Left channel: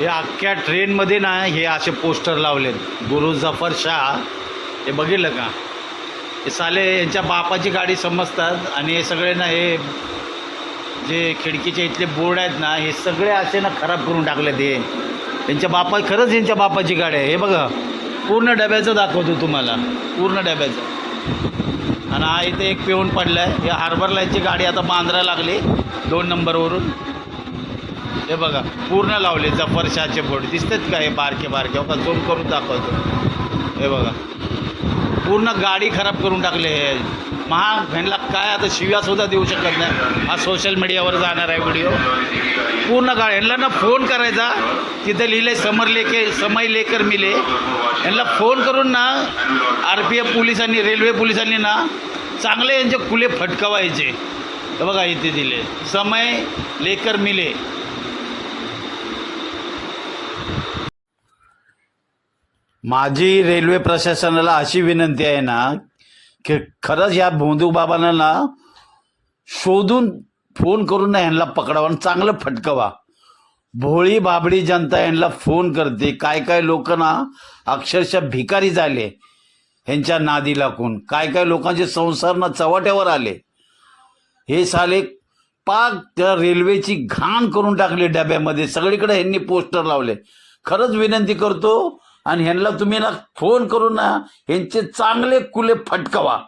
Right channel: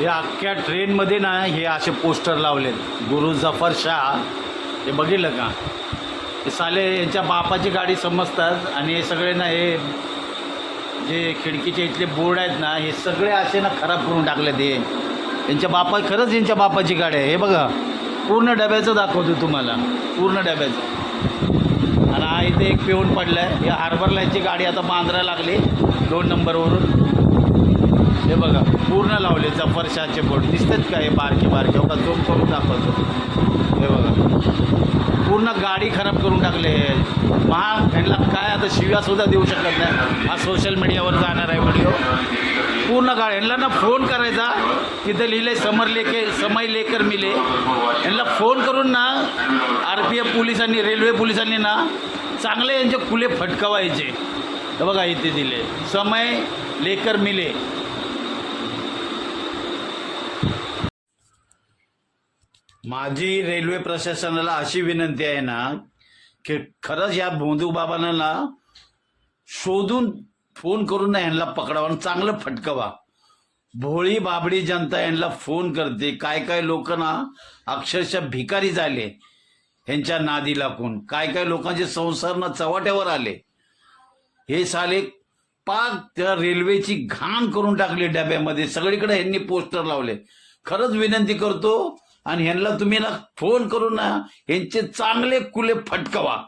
या अख्ख्या ट्रेनमध्ये ना हे असे पोस्टर लावलेत, गुरु जफर शाह. हे बघितलं का? हे साले यांच्या बापाची गाडी समजतात आणि हे सगळे ना हे जे खिडकीचे इथले बोर्ड आहेत ना हे सगळे असे ना खराब करून टाकले. ते यांच्या बापा खरंच यांच्या बापाची गाडी आहे. हे बघा पूर्ण डब्याचं दाखवतो तुम्हाला, पूर्ण डब्याचं. आणि हा इथे एक पिऊन पडला आहे. हे हार्बर लाईनची गाडी आता बांद्रायला लागली 2 नंबरवरून. हे बघा पूर्ण लावले जफर शाहचे बोर्ड दिसतात का? हे बारके बारके हो का? झूम करून दाखवतो. हे बघा पूर्ण गाडी खराब करून टाकले. ह्यांना काय आता शिव्यासुद्धा देऊ शकत नाही. हा सोशल मीडियावर जाणार आहे व्हिडिओ. पूर्ण गाडी ह्यांना ना फोन करायचा, तिथं लिहिले समय लेकर मिले. यांना फोन करून ना RPF पोलिसांनी, रेल्वे पोलिसांनी ना चांगले यांचे खुले फटकवायचे. हे बघा इथे दिले समय लेकर मिले. माझी रेल्वे प्रशासनाला अशी विनंती आहे ना की खरंच या भोंदू बाबांना ना शोधून फोन करून ना ह्यांना पकडावा आणि चांगलं फटकवा. भोळी बाबडी जनता यांना फोन करते. काय काय लोक ना अक्षरशः भिकारी झाले ह्यांच्या नादी लागून. काय काय लोकांचे संसार ना चव्हाट्यावर आले. हे साले पाक त्या रेल्वेची घाण करून टाकली डब्यामध्ये. सगळीकडे ह्यांनी पोस्टर लावले. खरंच विनंती करतो आणि ह्यांना तुम्ही ना फोन करून ना ह्यांचे चांगले कुले फटकवा.